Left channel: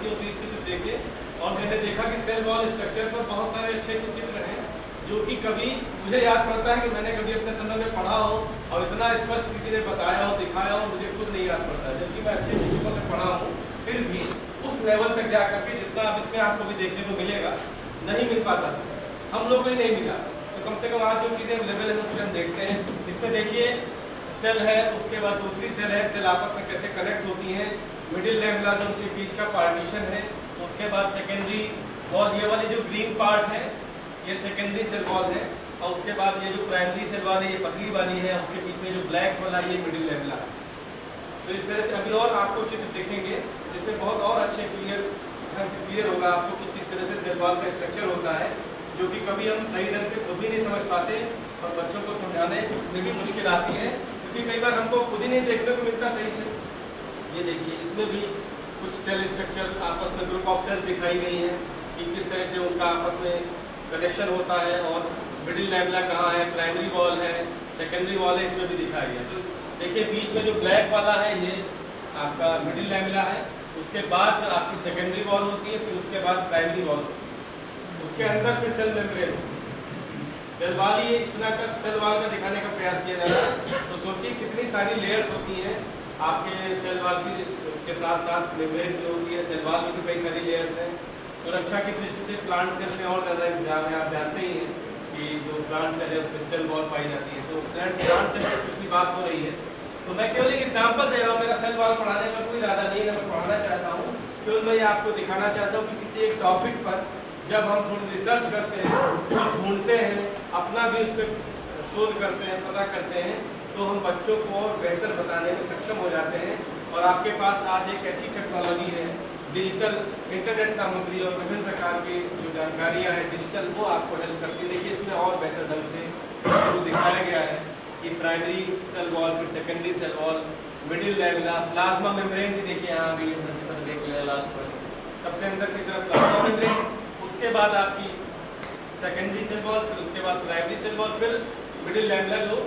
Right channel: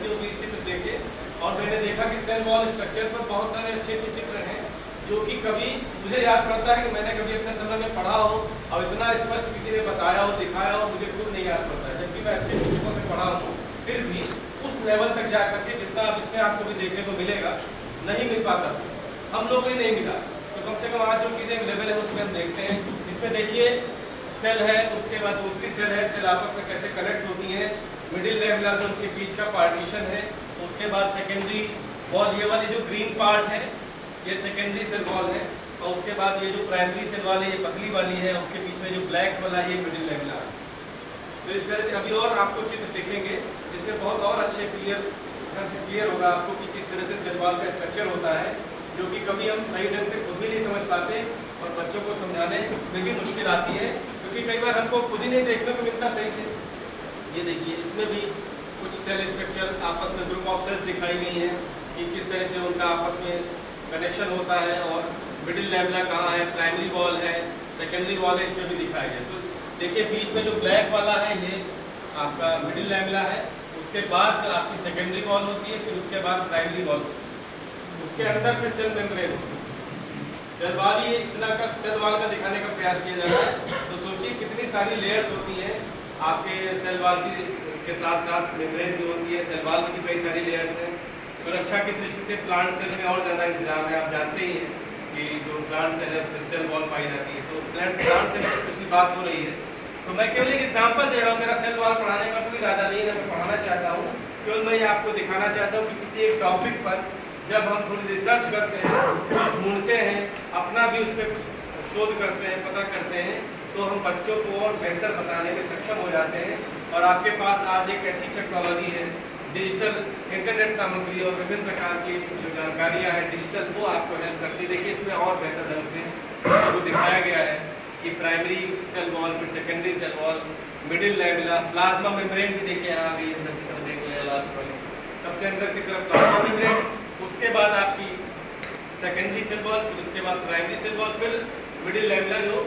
चित्र देखे और मैंने देखा कि सेल वॉल स्ट्रक्चर पर बहुत सारे अच्छे अच्छे चित्र हैं जो कि कभी मुझे याद पड़ता है कि मैंने कभी अपने समय में पढ़ा हो और इतना स्पष्ट किसी ने बताया हो दिखाया हो मुझे खुद नहीं याद पड़ता है, जबकि मैं अच्छे शिक्षकों से पढ़ा हूँ फिर भी उस लेवल तक जा करके जितना अब इसमें आपको भी देखने को मिलेगा नहीं मिल पाता हम लोग को ही नहीं मिला। तो कम से कम आज जो चीज़ें अवेलेबल है उसमें हम देखते हैं। इसमें देखिए सेल है, उसके बाद दूसरी सेल है, सेल आपस में कैसे कनेक्ट होती हैं, मिडिल लेवल जो उनके बीच का पार्टीशन है, उसके बाद सेकेंडरी वॉल ये वाली जो ग्रीन पार्ट है ये सेकेंडरी सेल वॉल है और उसके बाद ये जो प्राइमरी सेल वॉल है ये पतली वाली है, उसके बीच में जो ब्लैक वाला ये मिडिल लेवल है। तो इस तरह से अभी और आपको चित्र दिखेंगे जिसमें बहुत और अच्छे क्लियर होगा आपको कि किस तरह से सेल वॉल का स्ट्रक्चर होता है, जो कि कभी हम सही ढंग से खुद भी नहीं समझ पाते और बच्चों को समझाने में भी मुश्किल आती है क्योंकि कई बार हमको खुद ही नहीं देखने को मिलता सही से। ये देखिए इसमें भी कुछ सेल स्ट्रक्चर आपस में ग्रुप ऑफ सेल्स दिखाई गई हैं कि किस तरह से उनका आपस में कनेक्शन होता है और मिडिल लेवल कहाँ है, प्राइमरी वॉल है, सेकेंडरी वॉल है, इसमें भी दिखाया गया। तो देखिए बीच में जो ब्लैक वाला है ये आपका मिडिल लेवल है, उसके बाद आपकी सेकेंडरी वॉल होती है, फिर उसके बाद प्राइमरी वॉल होती है, उसके अंदर फिर सेल मेम्ब्रेन होती है। सेल वॉल ये इतना का सेल वॉल का दिखाने का प्रयास किया जा रहा है। तो सोचिए कितनी सारी लेयर्स होती हैं आपके सेल वॉल के साथ साथ मेम्ब्रेन भी होती है, सेल वॉल में भी कई सारी लेयर्स हैं। सुरक्षा की दृष्टि से प्लांट सेल में और ज़्यादा इंतजाम है, आप जानते ही हैं कि जो प्लांट सेल है उसमें सेल वॉल पाई जाती है। तो प्लांट सेल की स्पेशली बात हो रही है, तो मैं केवल एक एग्जाम्पल दे रहा हूँ, मेरा सेल वॉल पढ़ाने का कोई इरादा नहीं है, मैं पढ़ाना चाहता हूँ, केवल मैं आपको दिखाना चाहता हूँ कि किसी एक टॉपिक पर जब हम थोड़ी रिसर्च करते हैं, कुछ ढूंढते हैं, अपना भी उस पर कुछ शोध करते हैं, पता करते हैं, तो हम बच्चों को और बेहतर बताने में सक्षम हो जाते हैं। और आपके पास आज एक ऐसी टेक्नोलॉजी है, डिजिटल इंटरनेट सामग्री और विभिन्न प्रकार की जो जानकारियाँ हैं डिजिटल, वो आपको हेल्प करती है। देखिए इसमें और बेहतर ढंग से जो दिखाया गया है कि प्राइमरी सेल वॉल, फिर secondary cell wall, middle level, plasma membrane भी देखिए यहाँ भी अंदर की तरफ देख लिया लास्ट पर सबसे अंदर की तरफ प्लाज्मा मेम्ब्रेन, उसके बाद आपकी सेकेंडरी सेल वॉल, फिर उसके बाद प्राइमरी सेल वॉल, फिर मिडिल लेवल जो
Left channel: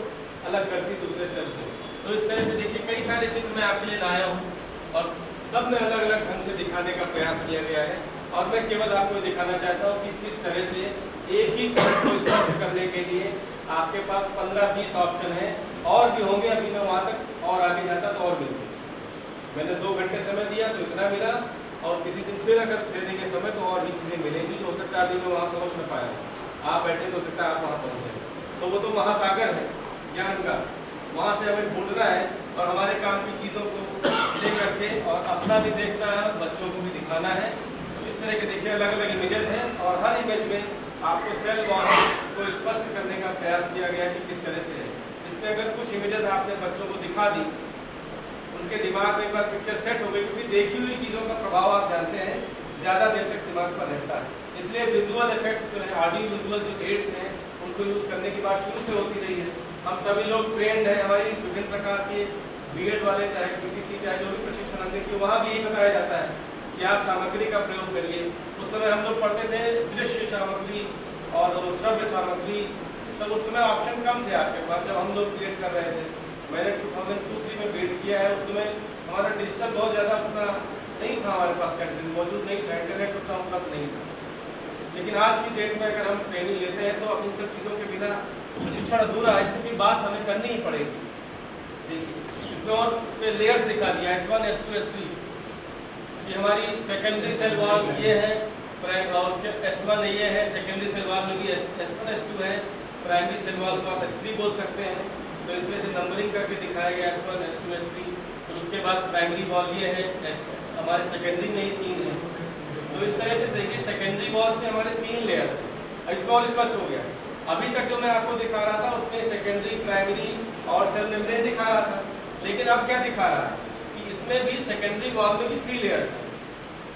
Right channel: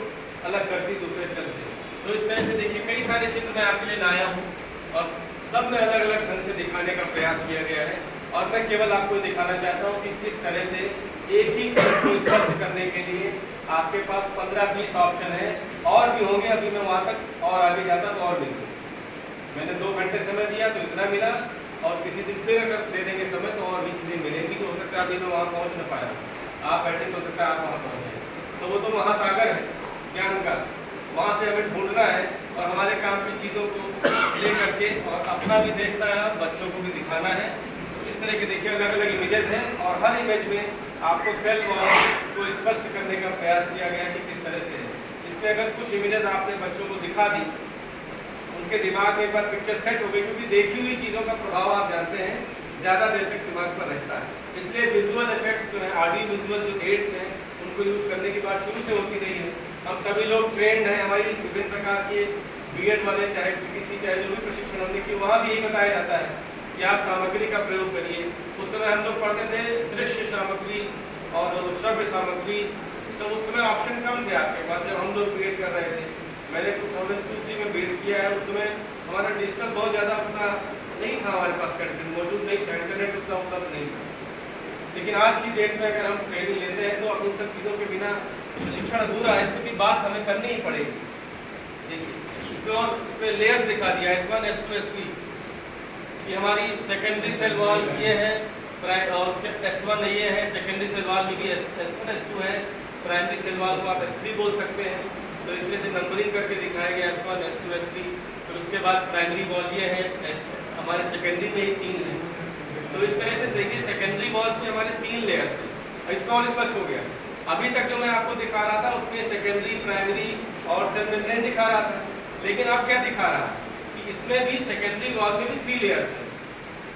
अलग करती दूसरे सेल से। तो इस तरह से देखिए कई सारे चित्र मैं आपके लिए लाया हूँ और सब में अलग अलग ढंग से दिखाने का प्रयास किया गया है। और मैं केवल आपको दिखाना चाहता हूँ कि किस तरह से एक ही चीज को स्पष्ट करने के लिए आपके पास 15-20 ऑप्शन है, और भी होंगे। अभी मैं वहाँ तक और आगे जाता तो और मिलते, मैंने 2 घंटे समय दिया तो इतना मिला, और किसी दिन फिर अगर दे देंगे समय तो और भी चीज़ें मिलेंगी। तो हो सकता है अभी मैं वहाँ पहुँच न पाया, आप बैठे तो हो सकता है आप वहाँ पहुँचे, तो वो तो महासागर है ज्ञान का, वहाँ से हमें ढूंढना है और हमारे काम की चीज़ों को ले करके और अपना भी देखना है और बच्चों को भी दिखाना है। तो इस तरह के देखिए अलग अलग इमेजेस हैं और हर इमेज में आपको सेल वॉल को स्पष्ट करने का प्रयास किया गया कि किस तरह से है। इसमें अगर कुछ इमेजेस आपने बच्चों को दिखा दी, उनके दिमाग में एक बार पिक्चर सेट हो गई, क्योंकि देखी हुई चीज़ों का प्रभाव आप जानते हैं ज़्यादा देर तक दिमाग पर रहता है। इसलिए विजुअल इफेक्ट्स जो हैं, ऑडियो विजुअल जो एड्स हैं, उनको यूज़ करने की बात शुरू से होती रही है। हम सभी लोग ट्रेंड हैं, हमारी विभिन्न प्रकार के बीएड वाले चाहे पीटीसी चाहे जो भी प्रशिक्षण हमने किया वहाँ भी यही बताया जाता है कि आप सामग्री का प्रयोग करिए। उस समय हम लोग पढ़ते थे दृश्य सामग्री और श्रव्य सामग्री, तो उस समय ऑप्शन कम थे आपके पास जब हम लोग बीएड कर रहे थे। मैंने 2002-3 में बीएड किया है, उस समय हमारा डिजिटल बहुत ज़्यादा उतना नहीं था, हमारे पास कंटेंट मौजूद नहीं था, इंटरनेट उतना उपलब्ध नहीं था। लेकिन आज की डेट में अगर हम ट्रेनिंग लेते हैं तो अब इन सब चीज़ों के बिना प्रशिक्षण अधूरा है, इसकी भी बात हमें करनी ही पड़ेगी। देखिए इसमें और इसमें लेयर्स दिखा दिया, S1, S2, S3 ये हमारी सेकेंडरी सेल वॉल ये है, और उसके S1 ये है, सेकेंडरी सेल वॉल में भी S1, S2 है, प्राइमरी सेल वॉल को आप S3 बोल सकते हैं। तो इस तरह से नंबरिंग करके दिखाया गया S1, S2, S3। फिर उसके बाद प्राइमरी वॉल ये है, हमारे सेकेंडरी में ही 3 है। तो इस तरह से देखिए सेकेंडरी वॉल्स में हमारे 3 लेयर्स हैं। इसका और स्पष्ट हो गया। अभी तक जो मैं आपको दिखा रहा था उसमें सेकेंडरी, प्राइमरी और सेल मेम्ब्रेन दिखा रहा था, लेकिन अब क्या दिखा रहा है कि इसमें भी सेकेंडरी वॉल में भी 3 लेयर्स हैं।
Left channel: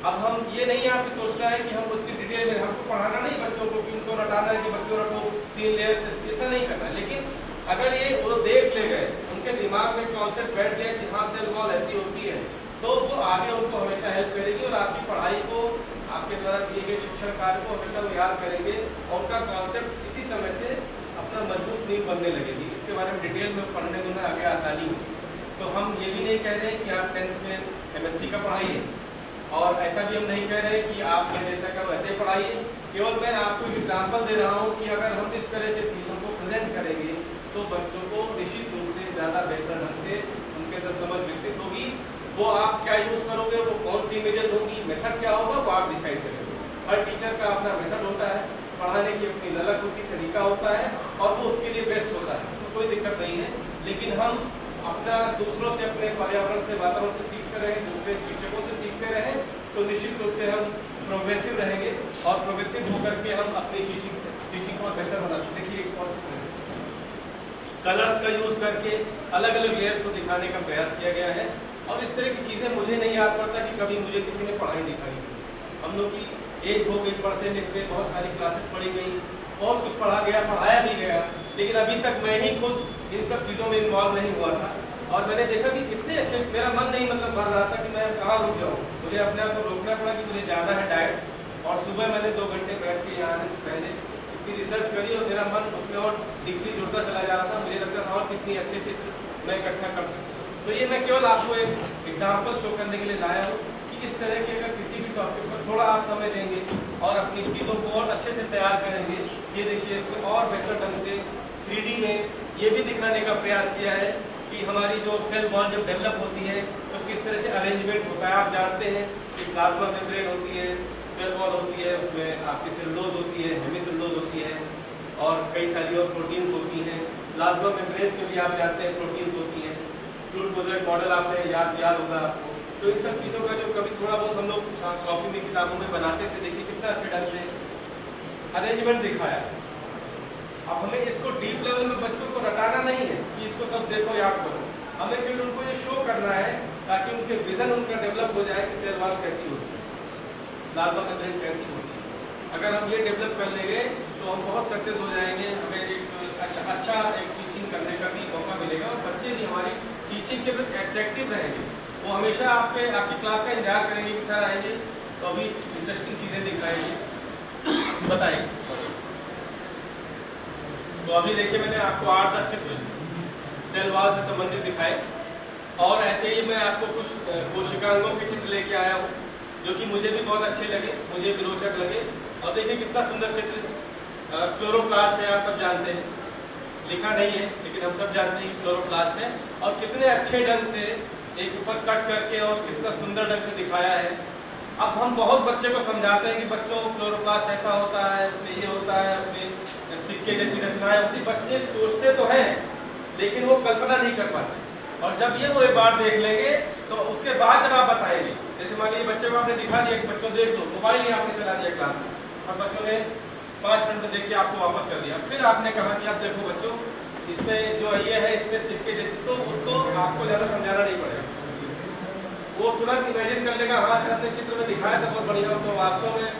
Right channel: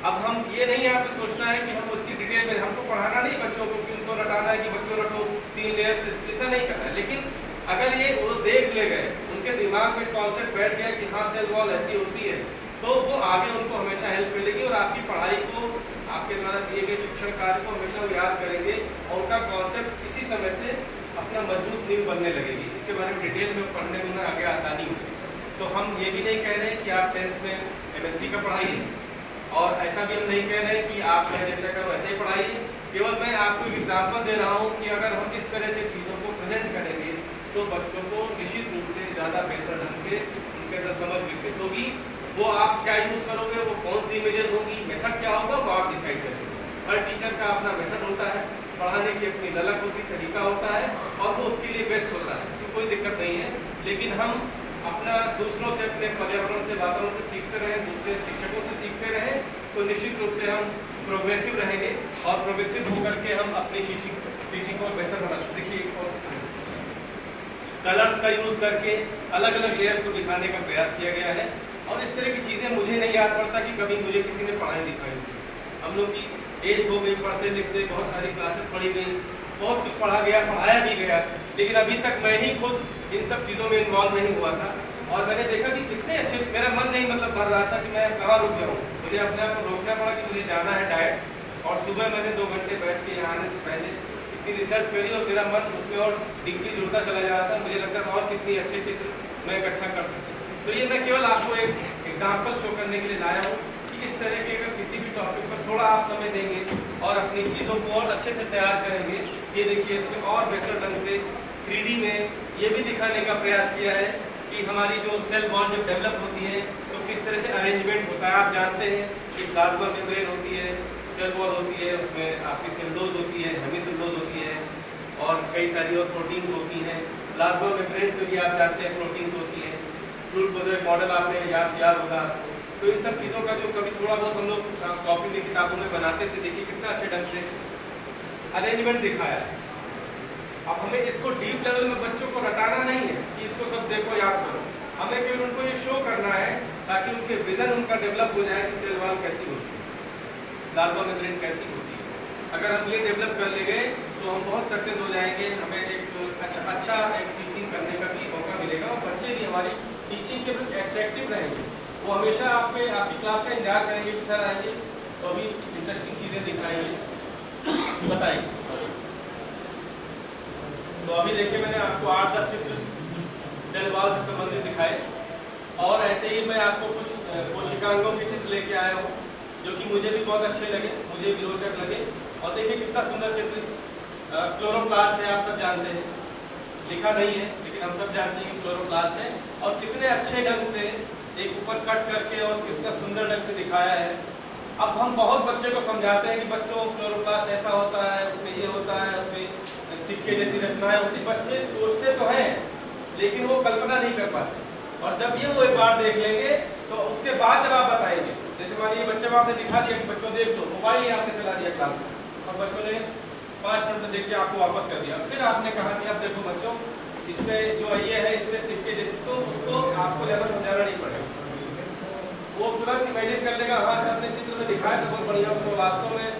अब हम ये नहीं आप सोचना है कि हम उतनी डिटेल में, हमको पढ़ाना नहीं बच्चों को कि उनको रटाना है कि बच्चों रटो 3 लेयर्स, ऐसा नहीं करना है। लेकिन अगर ये वो देख ले गए, उनके दिमाग में कॉन्सेप्ट बैठ गया कि हाँ सेल वॉल ऐसी होती है, तो वो आगे उनको हमेशा हेल्प करेगी और आपकी पढ़ाई को, आपके द्वारा दिए गए शिक्षण कार्य को हमेशा वो याद करेंगे और उनका कॉन्सेप्ट इसी समय से अपना मजबूत नींव बनने लगेगी। इसके बारे में डिटेल में पढ़ने में आगे आसानी हो। तो हम ये भी नहीं कह रहे हैं कि आप 10th में MSc का पढ़ाइए और ऐसा भी हम नहीं कह रहे कि आप जैसा करो वैसे ही पढ़ाइए, केवल मैं आपको एक एग्जाम्पल दे रहा हूँ कि अगर हम इस तरह से चीज़ों को प्रेजेंट करेंगे तो बच्चों को निश्चित रूप से ज़्यादा बेहतर ढंग से उनके अंदर समझ विकसित होगी। वो आप क्या यूज़ करोगे, वो कौन सी इमेजेस होगी, मेथड क्या होगा, वो आप डिसाइड करेंगे। हर टीचर का अपना मेथड होता है, पढ़ाने की अपनी ललक होती, तरीका होता है और वो उसके लिए बेस्ट होता है, तो कोई दिक्कत नहीं है। लेकिन हम अपना दूसरों से, अपने पर्यावरण से, वातावरण से सीखते रहें, दूसरे शिक्षकों से सीखते रहें, तो निश्चित रूप से हम प्रोग्रेसिव रहेंगे और प्रोग्रेसिव होकर के हम अपनी टीचिंग को बेहतर बना सकते। देखिए कलर्स का यूज़ करके अलग अलग लेयर्स को दिखाने का प्रयास किया गया है और इस तरह की चीज़ें मुझे नहीं याद पड़ता कि कभी मुझे किसी ने पढ़ाई दिखाई थी। हम लोग की एज हो गई, पढ़ते लिखते बहुत सारी क्लासेस पढ़ी गई, बहुत कुछ पढ़ा गया, पढ़ाया भी गया, लेकिन अभी तक मैं ही खुद इन सब चीज़ों में इन्वॉल्व नहीं हुआ था और मैंने देखा कि कितने अच्छे, मेरा मन नहीं मतलब भर रहा था कि मैं कहाँ रुक जाऊँ, मुझे अपने आप को रोकना पड़ा कि मुझे जाना है डायरेक्ट। और सुबह मैंने 2 घंटे बैठ के यहाँ आने से पहले इतनी रिसर्च करी और मेरा मन उसमें और डीपली जुड़ता चला जा रहा था, मुझे लगता था और कितनी अच्छे चित्र मैं इकट्ठा कर सकूँ। तो ये मैं केवल आपको एक एग्जाम्पल शो करने के लिए लाया हूँ कि इस तरह के अगर किसी भी टॉपिक पर थोड़ा आप समय देंगे और अपनी चीज़ों को और अच्छे से तैयार करेंगे, ये देखिए इसमें और बेहतर ढंग से 3D में ये भी दिखाने का प्रयास किया है कि हमारी जो सेल वॉल जब डेवलप होती है तो किस तरह से अरेंजमेंट होता है। आप जानते हैं कि प्लाज्मा मेम्ब्रेन होती है, सेल वॉल होती है, उसमें आपकी सेलुलोज होती है, हेमिसेलुलोज होती है और कई सारी और प्रोटीन्स होती हैं। प्लाज्मा मेम्ब्रेन में भी आप जानते हैं प्रोटीन्स होती हैं। फ्लूइड मोज़ेक मॉडल आपने याद होगा आपको। तो इन सब चीज़ों का जो कभी थोड़ा बहुत हम लोग कॉपी में किताबों में बनाते थे, देखिए कितना अच्छे ढंग से अरेंजमेंट दिखाया है। अब हमें इसको डीप लेवल में बच्चों को रटाना नहीं है कि इसको सब देखो याद करो, हमें केवल उनको ये शो करना है ताकि उनके विजन उनका डेवलप हो जाए कि सेल वॉल कैसी होती है, प्लाज्मा मेम्ब्रेन कैसी होती है। अगर हम ये डेवलप कर लेंगे तो हम बहुत सक्सेस हो जाएंगे, हमें एक अच्छा एक टीचिंग करने का भी मौका मिलेगा और बच्चे भी हमारी टीचिंग के प्रति अट्रैक्टिव रहेंगे। वो हमेशा आपकी क्लास का इंतजार करेंगे कि सर आएंगे तो अभी इंटरेस्टिंग चीज़ें दिखाएंगे, बताइए। तो अभी देखिए मैंने आपको 8-10 चित्र सेल वॉल से संबंधित दिखाए और ऐसे ही मैं आपको कुछ कोशिकांगों के चित्र लेके आया हूँ जो कि मुझे भी बहुत अच्छे लगे, मुझे भी रोचक लगे। और देखिए कितना सुंदर चित्र क्लोरोप्लास्ट है, आप सब जानते हैं, लिखा नहीं है लेकिन हम सब जानते हैं कि क्लोरोप्लास्ट है और कितने अच्छे ढंग से एक ऊपर कट करके और कितना सुंदर ढंग से दिखाया है। अब हम बहुत बच्चे को समझाते हैं कि बच्चों क्लोरोप्लास्ट ऐसा होता है, उसमें ये होता है, उसमें सिक्के जैसी रचनाएं होती, बच्चे सोचते तो हैं लेकिन वो कल्पना नहीं कर पाते। और जब ये वो एक बार देख लेंगे तो उसके बाद जब आप बताएंगे, जैसे मान लीजिए बच्चे को आपने दिखा दिया कि बच्चों देख लो, मोबाइल ही आपने चला दिया क्लास में और बच्चों ने 5 मिनट में देख के आपको वापस कर दिया, फिर आपने कहा कि अब देखो बच्चों इसमें जो ये है इसमें सिक्के जैसे, तो उसको आपको ज़्यादा समझाना नहीं पड़ेगा, वो तुरंत इमेजिन कर लेगा। हाँ सर ने चित्र में दिखाया तो बहुत बढ़िया। तो वास्तव में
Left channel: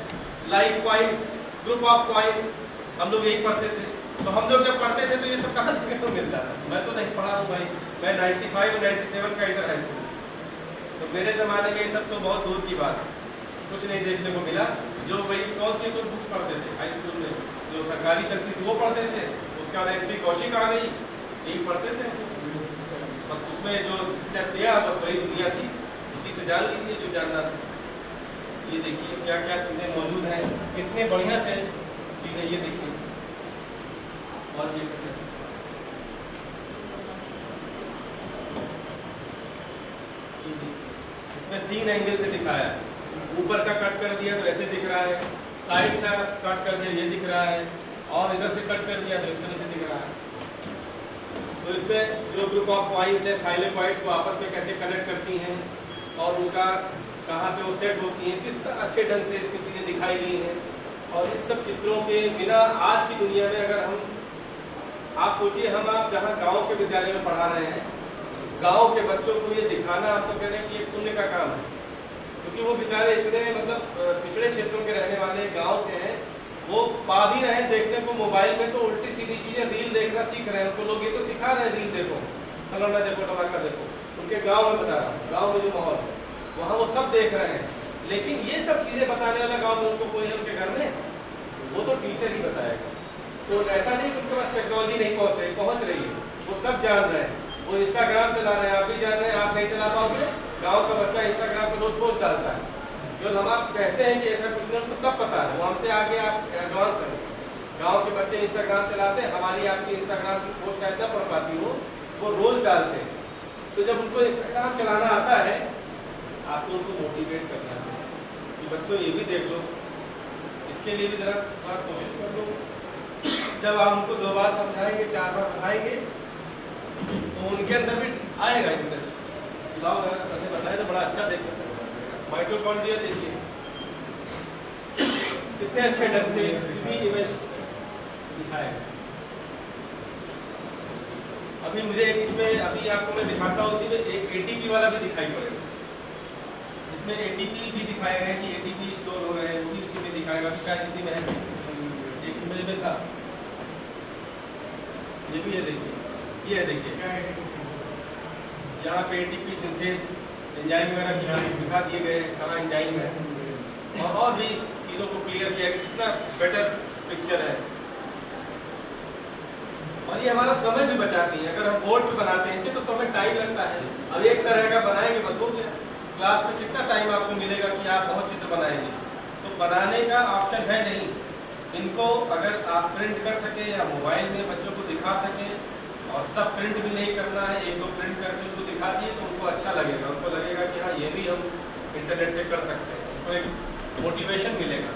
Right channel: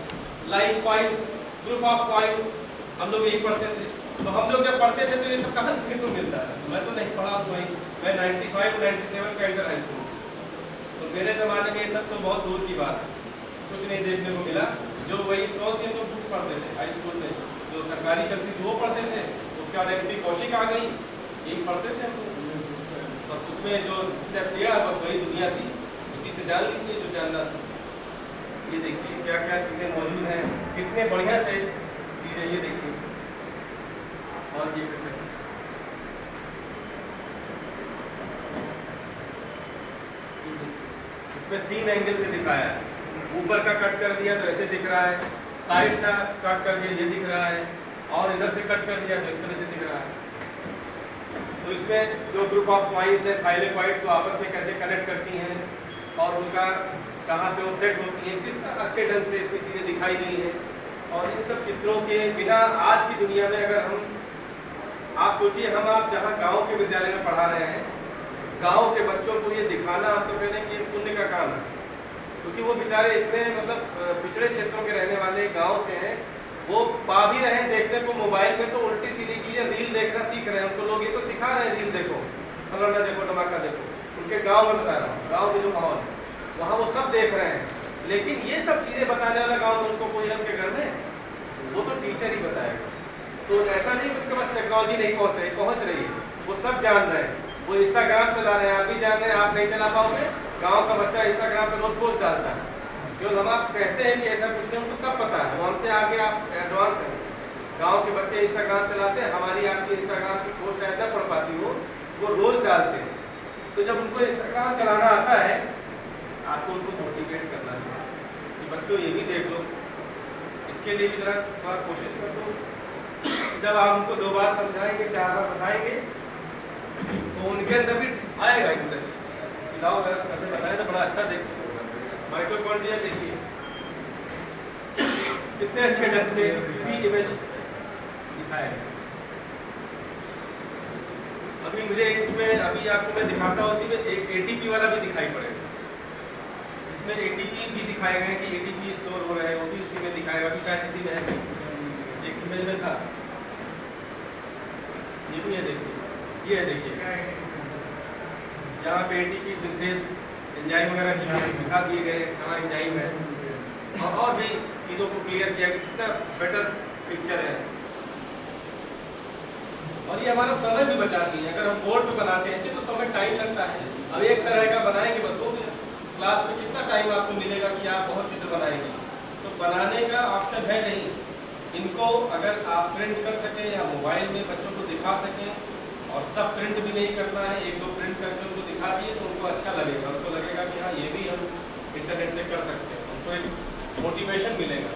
like coins, group of coins हम लोग यही पढ़ते थे। तो हम लोग जब पढ़ते थे तो ये सब कहाँ देखने को मिलता था, मैं तो नहीं पढ़ा हूँ भाई, मैं 95 और 97 का इधर हाई स्कूल, तो मेरे ज़माने में ये सब तो बहुत दूर की बात है, कुछ नहीं देखने को मिला। जो वही कौन सी तो बुक्स पढ़ते थे हाई स्कूल में, जो सरकारी चलती थी वो पढ़ते थे, उसके बाद एमपी कौशिक आ गई, यही पढ़ते थे बस। उसमें जो दिया बस वही दुनिया थी, इसी से जान लीजिए जो जानना था। ये देखिए क्या क्या चीज़ें मौजूद हैं, कितने बढ़िया से चीज़ें, ये देखिए। और ये इसमें 3 एंगल से दिखाया है, ऊपर का कट कर दिया तो ऐसे दिख रहा है, साइड से कट कर दिया ये दिख रहा है, और इधर से कट कर दिया तो इस तरह से दिख रहा है। तो इसमें जो ग्रुप ऑफ पॉइंट्स है, थाइलेकॉइड्स को आपस में कैसे कनेक्ट करती हैं और उनका कहाँ पे वो सेट होती हैं, किस अच्छे ढंग से इसमें चीज़ें दिखाई गई हैं। और इन सब चित्रों के बिना आज की दुनिया में अगर हम, आप सोचिए हम आप जहाँ गांव के विद्यालय में पढ़ा रहे हैं, गांव के बच्चों को ये दिखाना आप तो कह रहे हैं कि एक पुण्य का काम है, क्योंकि वो बेचारे इतने मतलब पिछड़े क्षेत्रों के रहने वाले गांव से हैं, वो पा भी रहे हैं देखने को मोबाइल में, तो उल्टी सीधी चीज़ें रील देखना सीख रहे हैं, उनको लोग ये तो सिखा रहे हैं रील देखो, फलाना देखो, टमाका देखो। उनके गाँव में बता रहा हूँ, गाँव में जो माहौल है वहाँ वो सब देख रहे हैं, लेकिन ये सब चीज़ें बताने वाला गाँव में उनको कोई है उनके घर में, वो तो टीचर ही बताएगा। तो ऐसा नहीं कि उनके पास टेक्नोलॉजी नहीं पहुँच रही है, वो सब जान रहे हैं। वो इंस्टाग्राम चला रहे हैं, आप भी जान रहे हैं, आप नहीं चला पाओगे। गांव का बच्चा इंस्टाग्राम पे रोज पोस्ट डालता है, जो हम आप कहते हैं कि ऐसा कुछ नहीं, हमको सब पता है, वो हमसे आगे आप एडवांस हैं। गांव के बच्चे इंस्टाग्राम चलाते हैं, हमारी आपकी इंस्टाग्राम की पोस्ट शायद ना पढ़ पाती हो, वो रोज डालते हैं। तो जब उनको इंस्टाग्राम चलाना आता है, आपको उनको मोटिवेट करना है कि बच्चों ये भी देख लो, इसके लिए भी जरा थोड़ा कोशिश कर लो। जब आप उनको 2 बार समझाएंगे, 4 बार बताएंगे, तो उनके अंदर भी आएगा इंटरेस्ट। पिलाओ अगर सर ने बताया तो बड़ा अच्छा। देखो माइटोकॉन्ड्रिया देखिए कितने अच्छे ढंग से इमेज दिखाया है। अभी मुझे इसमें अभी आपको मैं दिखाता हूँ, इसी में एक एटीपी वाला भी दिखाई पड़ेगा, जिसमें एटीपी भी दिखाए गए हैं कि एटीपी स्टोर हो रहे हैं, वो भी उसी में दिखाएगा। अभी शायद इसी में है, एक इमेज में था, ये भी है। देखिए ये है, देखिए यहाँ पे एटीपी सिंथेस एंजाइम वगैरह दिखा दिए गए हैं, कहाँ एंजाइम है, और भी चीज़ों को क्लियर किया कि कितना बेटर पिक्चर है। और ये हमारा समय भी बचाती है। अगर हम बोर्ड पे बनाते हैं तो हमें टाइम लगता है, अब एक तरह का बनाएंगे बस हो गया। क्लास में कितना टाइम आपको मिलेगा कि आप बहुत चित्र बनाएंगे, तो बनाने का ऑप्शन है नहीं। इनको अगर आप प्रिंट कर सकें या मोबाइल में बच्चों को दिखा सकें, और सब प्रिंट भी नहीं करना है, 1-2 प्रिंट करके उनको दिखा दिए तो उनको अच्छा लगेगा, उनको लगेगा कि हाँ ये भी हम इंटरनेट से कर सकते हैं, उनको एक मोटिवेशन मिलेगा।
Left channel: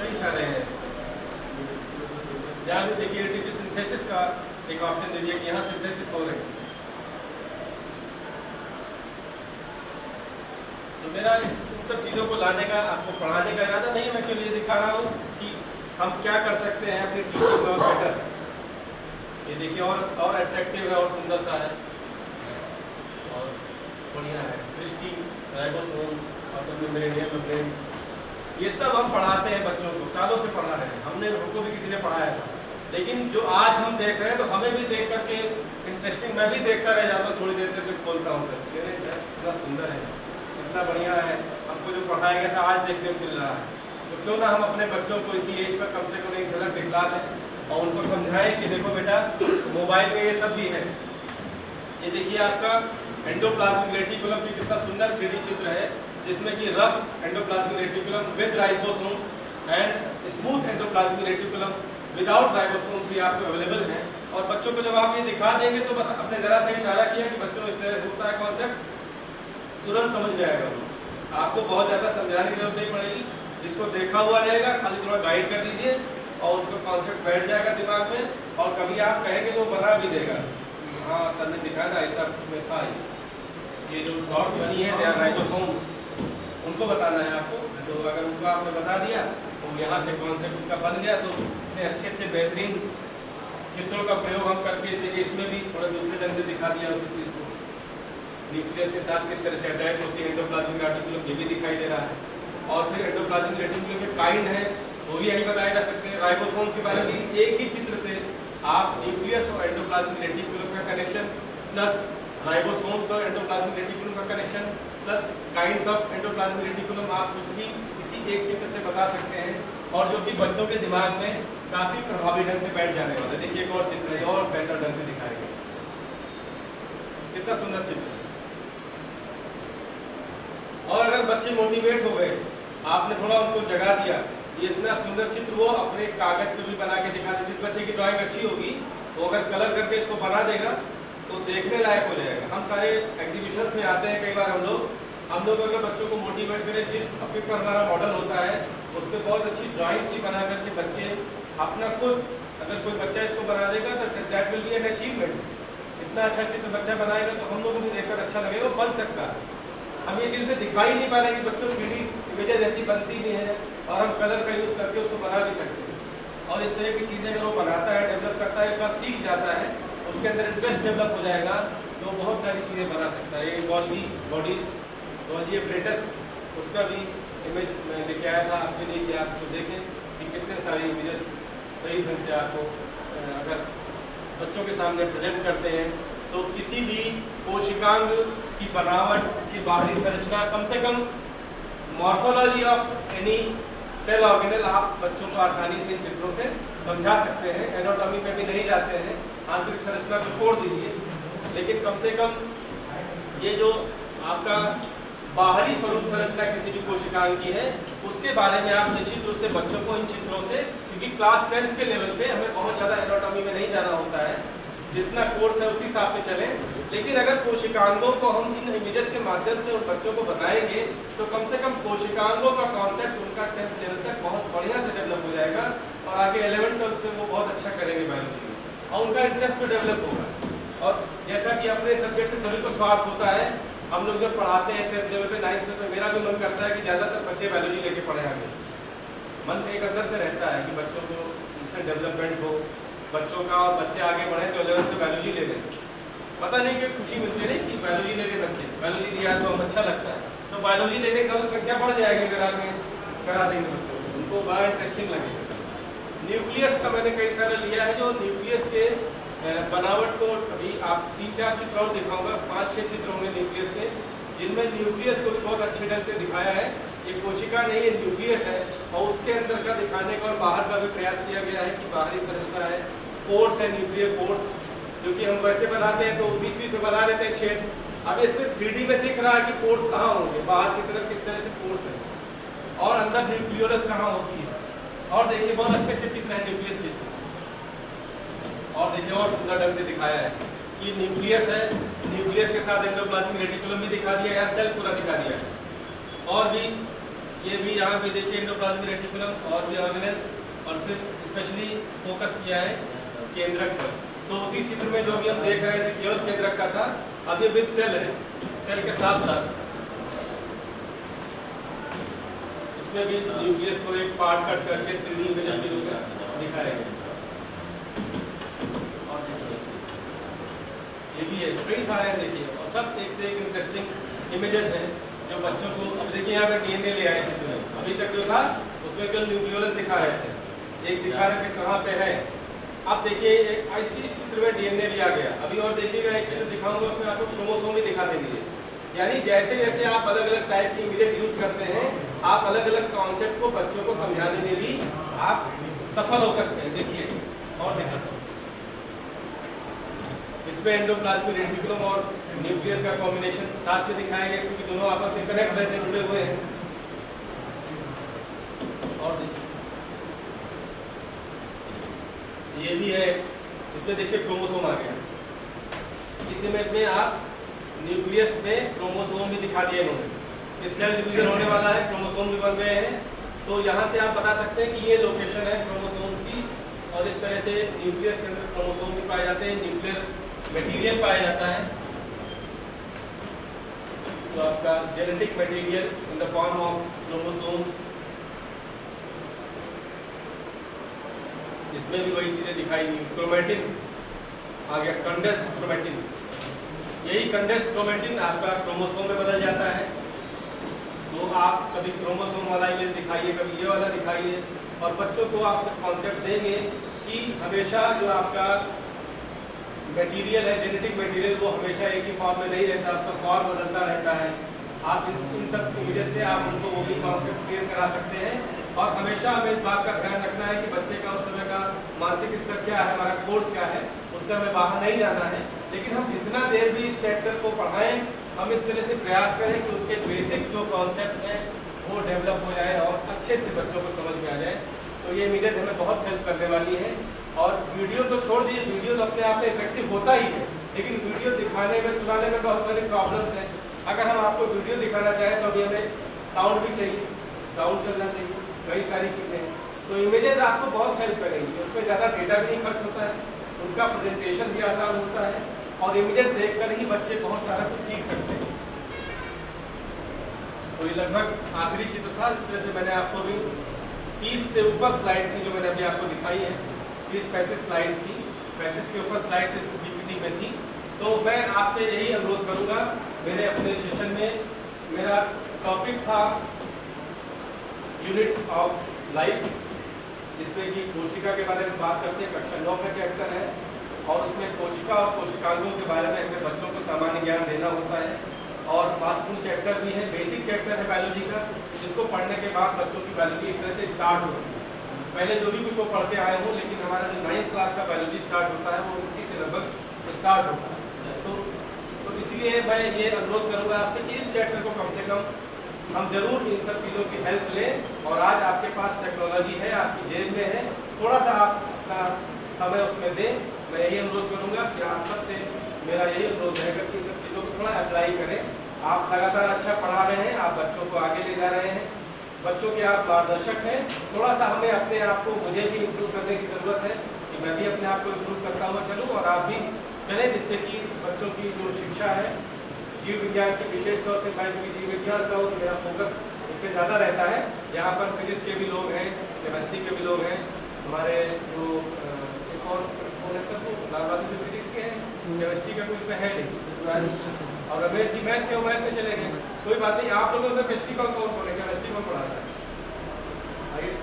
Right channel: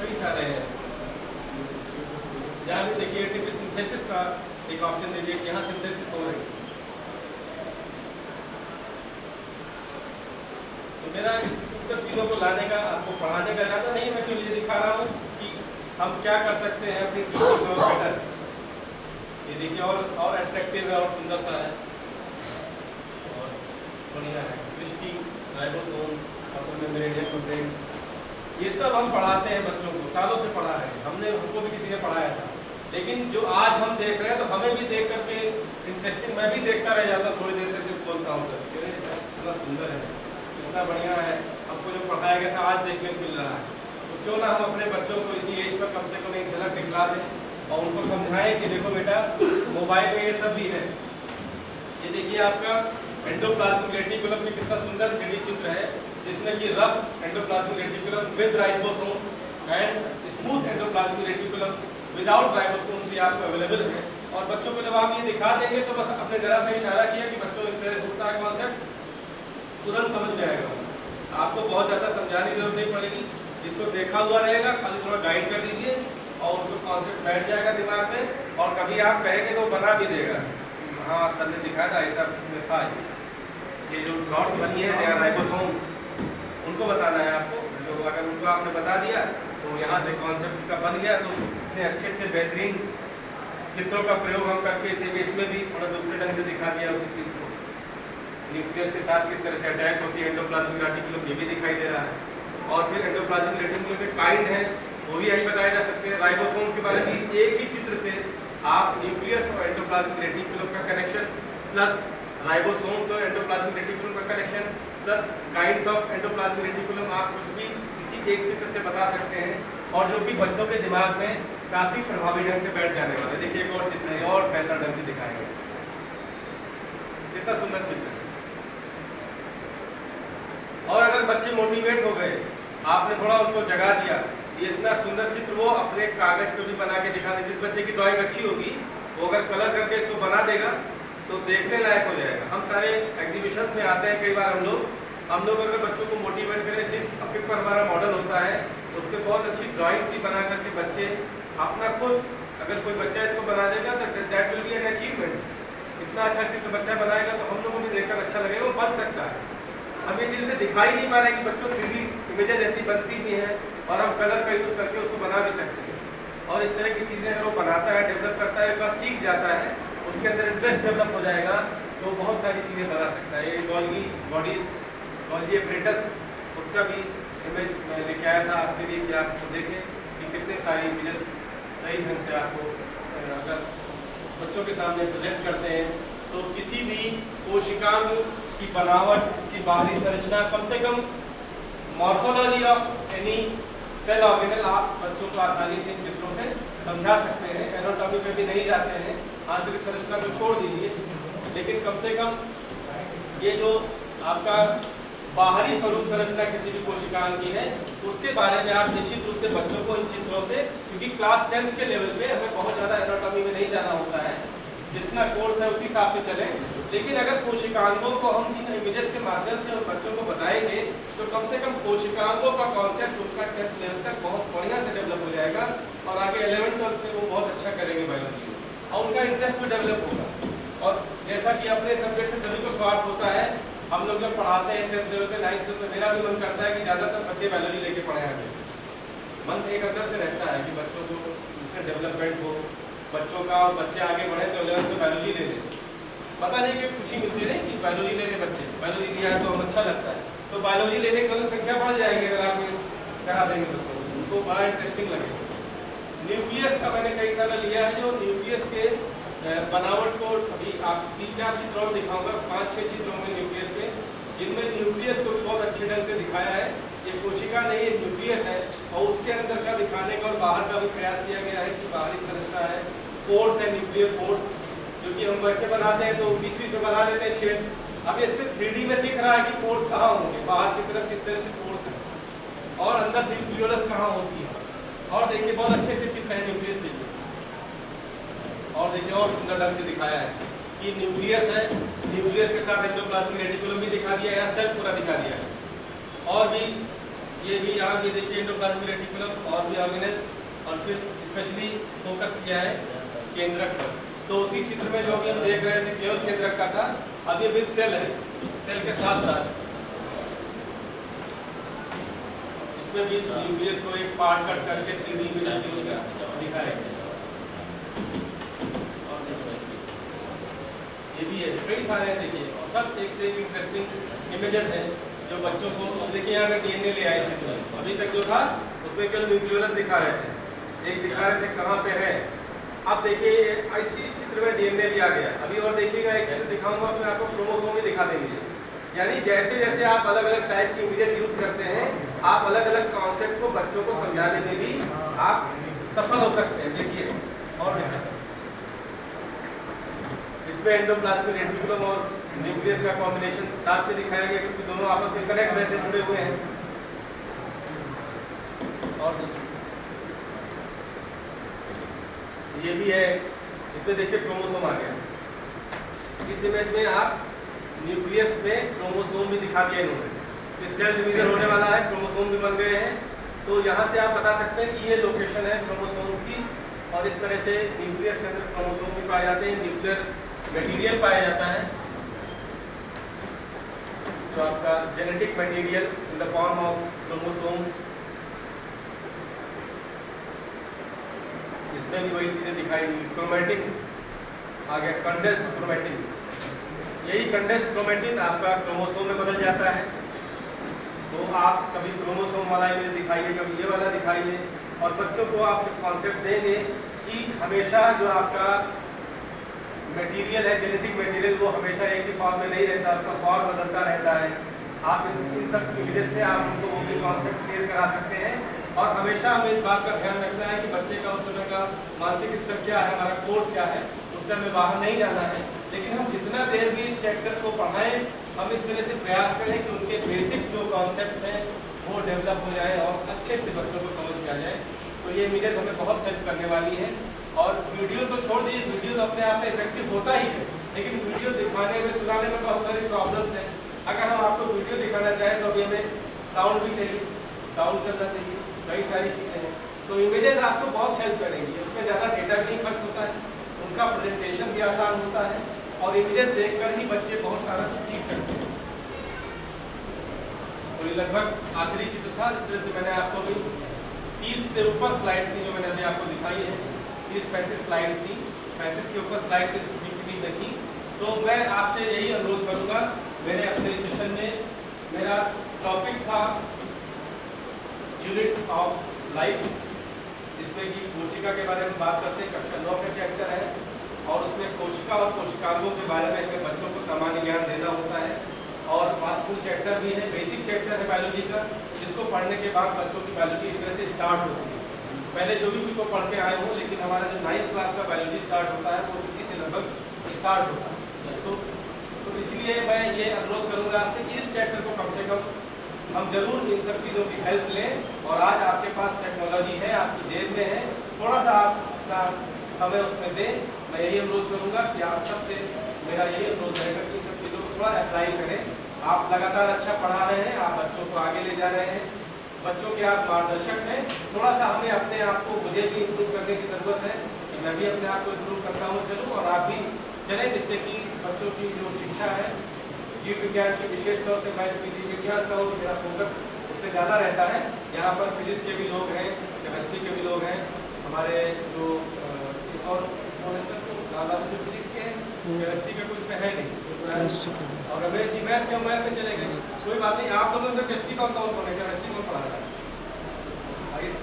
कई सारे हैं, यहाँ भी देखिए एटीपी सिंथेसिस का एक ऑप्शन दे दिया कि यहाँ सिंथेसिस हो रही है। तो मेरा इस सब चीज़ों को लाने का, आपको पढ़ाने का इरादा नहीं है, मैं केवल ये दिखा रहा हूँ कि हम क्या कर सकते हैं अपनी टीचिंग में और बेटर। ये देखिए और अट्रैक्टिव है और सुंदर सा है और बढ़िया है। क्रिस्टी, राइबोसोम्स, मेम्ब्रेन, ये सब हम पढ़ाते हैं बच्चों को, सालों से पढ़ा रहे हैं। हमको भी किसी ने पढ़ाया था, लेकिन जो आज हम देख रहे हैं तो हमें भी देख करके इंटरेस्टिंग, मैं भी देखता रह जाता हूँ, थोड़ी देर तक खोलता हूँ तो इतना सुंदर है, इतना बढ़िया है। हमको जो पढ़ाया गया था आज देखने को मिल रहा है, तो क्यों ना हम अपने बच्चों को इसी एज पर कम से कम एक झलक दिखला दें और उनको समझाएं कि देखो बेटा मोबाइल में ये सब भी है। ये देखिए आपका एंडोप्लाज्मिक रेटिकुलम भी कितना सुंदर 3D चित्र है, जिसमें कि rough endoplasmic reticulum with ribosomes and smooth endoplasmic reticulum without ribosomes भी आपको अवेलेबल है। और बच्चों को जब आप ये दिखा देंगे तो बस अपने ज़रा सा इशारा किया कि बच्चों इस तरह होता है कॉन्सेप्ट, तुरंत समझ में आएगा। आपको बहुत ज़्यादा समझाने की जरूरत नहीं पड़ेगी, इसको देखा हुआ रहेगा, खाली थोड़ा गाइड कर दीजिए और उनको कॉन्सेप्ट बैठ जाएगा दिमाग में, और कभी आप कहेंगे तो बना भी देगा। हाँ सर ने दिखाया था, ऐसा था। ये जो डॉट्स बनी है दे आर राइबोसोम्स, उनको बताना है आपको। तो अगर उनको आपने बता दिया तो यहाँ से कॉन्सेप्ट उनका बन गया। तो इतने अच्छे अच्छे बेहतरीन चित्रों का प्रयोग हम करके देखिए, इसमें भी थोड़ा दूसरे ढंग से दिखा दिया उसी चीज़ को। न्यूक्लियस के साथ किस तरह से अटैच होती है एंडोप्लाज्मिक रेटिकुलम, ये भी दिखाई दे रहा है। और फिर एंडोप्लाज्मिक रेटिकुलम में काइंड है, वो भी यही बताए जा सकते हैं। राइबोसोम्स के बारे में एक ही चित्र से आप न्यूक्लियस और एंडोप्लाज्मिक रेटिकुलम का कनेक्शन, प्लस राइबोसोम्स और एंडोप्लाज्मिक रेटिकुलम का connection, plus kinds of endoplasmic reticulum, आप कुछ भी इसी एक चित्र से बता सकते हैं, और जो कि बच्चों के दिमाग में काफ़ी प्रभावी ढंग से बैठ जाने वाला है। देखिए एक और चित्र है और बेहतर ढंग से दिखाएंगे, कितना सुंदर चित्र है। और अगर बच्चे मोटिवेट हो गए, आपने थोड़ा उनको जगा दिया, ये इतना सुंदर चित्र वो अपने कागज पे भी बना के दिखा दे। जिस बच्चे की ड्राइंग अच्छी होगी वो अगर कलर करके इसको बना देगा तो देखने लायक हो जाएगा। हम सारे एग्जीबिशंस में आते हैं कई बार हम लोग अगर बच्चों को मोटिवेट करें, जिस टॉपिक पर हमारा मॉडल होता है उस पर बहुत अच्छी ड्राइंग्स भी बना करके बच्चे अपना खुद, अगर कोई बच्चा इसको बना देगा तो that will be an achievement. इतना अच्छा चित्र बच्चा बनाएगा तो हम लोगों को भी देखकर अच्छा लगेगा, वो बन सकता है। हम ये चीज़ें दिखाई नहीं पा रहे हैं कि बच्चों 3D इमेजेस ऐसी बनती भी हैं और हम कलर का यूज़ करके उसको बना भी सकते हैं। और इस तरह की चीज़ें अगर वो बनाता है, डेवलप करता है, एक बार सीख जाता है, उसके अंदर इंटरेस्ट डेवलप हो जाएगा तो बहुत सारी चीज़ें बना सकता है। ये गॉल्गी एपरेटस, उसका भी इमेज मैंने लेके आया था आपके लिए कि आप इसको देखें कि कितने सारी इमेजेस सही ढंग से आपको अगर बच्चों के सामने प्रेजेंट करते हैं तो किसी भी कोशिकांग की बनावट, उसकी बाहरी संरचना, कम से कम morphology of any cell organelle आप बच्चों को आसानी से इन चित्रों से समझा सकते हैं। एनाटॉमी में भी नहीं जाते हैं, आंतरिक संरचना को छोड़ दीजिए, लेकिन कम से कम ये जो आपका बाहरी स्वरूप संरचना किसी भी कोशिकांग की है, उसके बारे में आप निश्चित रूप से बच्चों को इन चित्रों से, क्योंकि क्लास 10th के लेवल पे हमें बहुत ज़्यादा एनाटॉमी में नहीं जाना होता है, जितना कोर्स है उसी हिसाब से चलें। लेकिन अगर कोशिकांगों को हम इन इमेजेस के माध्यम से उन बच्चों को बताएंगे तो कम से कम कोशिकांगों का कॉन्सेप्ट उनका 10th लेवल तक बहुत बढ़िया से डेवलप हो जाएगा और आगे 11th लेवल पे वो बहुत अच्छा करेंगे बायोलॉजी में और उनका इंटरेस्ट भी डेवलप होगा। और जैसा कि अपने सब्जेक्ट से सभी को स्वार्थ होता है, हम लोग जब पढ़ाते हैं 10th लेवल पे 9th लेवल पे, मेरा भी मन करता है कि ज़्यादातर बच्चे बायोलॉजी लेके पढ़े आगे। मन एक अंदर से रहता है कि बच्चों को उनसे डेवलपमेंट हो बच्चों का और बच्चे आगे बढ़े तो 11th में बायोलॉजी ले लें। पता नहीं कि खुशी मिलती नहीं कि बायोलॉजी ले रहे बच्चे, बायोलॉजी लिया तो हम अच्छा लगता है, तो बायोलॉजी लेने की तो संख्या बढ़ जाएगी अगर आप करा देंगे बच्चों को, उनको बड़ा इंटरेस्टिंग लगेगा। न्यूक्लियस का मैंने कई सारा लिया है, जो न्यूक्लियस के बनावट को अभी आप 3-4 चित्र और दिखाऊंगा, 5-6 चित्र होंगे न्यूक्लियस के, जिनमें न्यूक्लियस को बहुत अच्छे ढंग से दिखाया है। ये कोशिका नहीं, ये न्यूक्लियस है और उसके अंदर का दिखाने का और बाहर का भी प्रयास किया गया है कि बाहरी संरचना है, पोर्स है, न्यूक्लियर पोर्स, जो कि हम वैसे बनाते हैं तो बीच बीच में बना लेते हैं छेद। अब इसमें 3D में दिख रहा है कि पोर्स कहाँ होंगे, बाहर की तरफ किस तरह से पोर्स है और अंदर न्यूक्लियोलस कहाँ होती है। और देखिए बहुत अच्छे अच्छे चित्र हैं न्यूक्लियस के, और देखिए और सुंदर ढंग से दिखाया है कि न्यूक्लियस है, न्यूक्लियस के साथ एंडोप्लाज्मिक रेटिकुलम भी दिखा दिया है, सेल पूरा दिखा दिया है। और भी ये भी यहाँ भी देखिए एंडोप्लाज्मिक रेटिकुलम और भी ऑर्गेनेल्स, और फिर स्पेशली फोकस किया है केंद्रक पर। तो उसी चित्र में जो भी हम देख रहे थे केवल केंद्रक का था, अब ये विद सेल है, सेल के साथ साथ इसमें भी न्यूक्लियस को एक पार्ट कट करके 3D में दिखाया गया। ये भी है, कई सारे हैं देखिए, और सब एक से एक इंटरेस्टिंग इमेजेस हैं जो बच्चों को। अब देखिए यहाँ पे डीएनए ले आए चित्र में, अभी तक जो था उसमें केवल न्यूक्लियोलस दिखा रहे थे, एक दिखा रहे थे कहाँ पे है। अब देखिए इस चित्र में डीएनए भी आ गया। अभी और देखिएगा एक चित्र दिखाऊंगा, उसमें आपको क्रोमोसोम भी दिखा देंगे। यानी जैसे जैसे आप अलग अलग टाइप की इमेजेस यूज करते हैं, आप अलग अलग कॉन्सेप्ट को बच्चों को समझाने में भी आप सफल हो सकते हैं। देखिए और देखिए इसमें एंडोप्लाज्मिक रेटिकुलम और न्यूक्लियस का कॉम्बिनेशन साथ में दिखाया गया, क्योंकि दोनों आपस में कनेक्ट रहते जुड़े हुए हैं। और देखिए ये भी है, इसमें देखिए क्रोमोसोम आ गया। इस इमेज में आप न्यूक्लियस में क्रोमोसोम भी दिखा दिया इन्होंने, सेल डिवीजन होने वाला है, क्रोमोसोम भी बन गए हैं। तो यहाँ से आप बता सकते हैं कि ये लोकेशन है क्रोमोसोम्स की, और इस तरह से न्यूक्लियस के अंदर क्रोमोसोम भी पाए जाते हैं, न्यूक्लियर मटेरियल पाया जाता है, तो आपका genetic material in the form of chromosomes. इसमें भी वही चीजें दिखाई दी। क्रोमेटिन आ गया, कंडेंस्ड क्रोमेटिन, यही कंडेंस्ड क्रोमेटिन आपका क्रोमोसोम में बदल जाता है। तो आप कभी क्रोमोसोम वाला इमेज दिखाइए, कभी ये वाला दिखाइए, और बच्चों को आप कॉन्सेप्ट देंगे कि हमेशा जो आपका मटेरियल है, जेनेटिक मटेरियल, वो हमेशा एक ही फॉर्म में नहीं रहता, उसका फॉर्म बदलता रहता है। आप इन सब इमेजेस से आप उनको वो भी कॉन्सेप्ट क्लियर करा सकते हैं। और हमेशा हमें इस बात का ध्यान रखना है कि बच्चे का उस समय का मानसिक स्तर क्या है, हमारा कोर्स क्या है, उससे हमें बाहर नहीं जाना है। लेकिन हम जितना देर भी इस चैप्टर को पढ़ाएं, हम इस तरह से प्रयास करें कि उनके बेसिक जो कॉन्सेप्ट्स हैं वो डेवलप हो जाए और अच्छे से बच्चों को समझ में आ जाए। तो ये इमेजेस हमें बहुत हेल्प करने वाली हैं। और वीडियो तो छोड़ दीजिए, वीडियो तो अपने आप में इफेक्टिव होता ही है, लेकिन वीडियो दिखाने में, सुनाने में बहुत सारी प्रॉब्लम्स हैं। अगर हम आपको वीडियो दिखाना चाहें तो अभी हमें साउंड भी चाहिए, साउंड चलना चाहिए, कई सारी चीज़ें हैं। तो इमेजेस आपको बहुत हेल्प करेंगी, उसमें ज़्यादा डेटा भी नहीं खर्च होता है, उनका प्रेजेंटेशन भी आसान होता है, और इमेजेस देखकर ही बच्चे बहुत सारा कुछ सीख सकते हैं। तो ये लगभग आखिरी चित्र था, जिस तरह से मैंने आपको भी 30 से ऊपर स्लाइड थी जो मैंने अभी आपको दिखाई है, 30-35 स्लाइड्स थी, 35 के ऊपर स्लाइड्स इस पीपीटी में थी। तो मैं आपसे यही अनुरोध करूँगा, मैंने अपने सेशन में, मेरा टॉपिक था यूनिट ऑफ लाइफ, जिसमें कि कोशिका के बारे में बात करते हैं, कक्षा 9 का चैप्टर है, और उसमें कोशिका और कोशिकांगों के बारे में हमें बच्चों को सामान्य ज्ञान देना होता है। और महत्वपूर्ण चैप्टर भी है, बेसिक चैप्टर है बायोलॉजी का, जिसको पढ़ने के बाद बच्चों की बायोलॉजी इस तरह से स्टार्ट होती है। पहले जो भी कुछ वो पढ़ के आए हों, लेकिन हमारा जो 9th क्लास का बायोलॉजी स्टार्ट होता है वो इसी से लगभग स्टार्ट होता है। तो इसलिए मैं ये अनुरोध करूंगा आपसे कि इस चैप्टर को कम से कम हम जरूर इन सब चीज़ों की हेल्प लें। और आज आपके पास टेक्नोलॉजी है, आपकी जेब में है, थोड़ा सा आप अपना समय उसमें दें। मैं यही अनुरोध करूंगा कि आप सबसे मेरा यही अनुरोध रहेगा कि इन सब चीज़ों को थोड़ा अप्लाई करें। आप लगातार अच्छा पढ़ा रहे हैं, आप बच्चों को आगे ले जा रहे हैं, बच्चों के आप मार्गदर्शक हैं। थोड़ा सा हमें अपने आप को, मुझे भी इम्प्रूव करने की ज़रूरत है कि मैं भी अपने आप को इम्प्रूव करता हुआ चलूँ और आप भी चलें, जिससे कि बच्चों की जो शिक्षा है जीव विज्ञान की, विशेष तौर से मैं चूँकि जीव विज्ञान का हूँ तो मेरा फोकस उस पर ज़्यादा रहता है। यहाँ पर फिजिक्स के भी लोग हैं, केमिस्ट्री के भी लोग हैं, हमारे जो एक और कौन है सर, लाल वाले जो फिजिक्स के हैं, केमिस्ट्री का कुछ में है नहीं, और रमेश जी मैथ के मैथ में चले गए। कोई बात नहीं, आप लोगों ने केमिस्ट्री कौन कौन है, केमिस्ट्री कौन पढ़ाता है,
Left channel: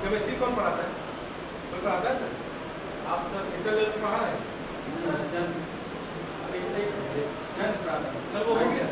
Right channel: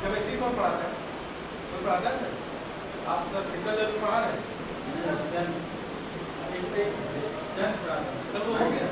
केमिस्ट्री कौन पढ़ाता है, कोई पढ़ाता है सर? आप सर इंटर लेवल पढ़ा रहे हैं सर, वो हो गया।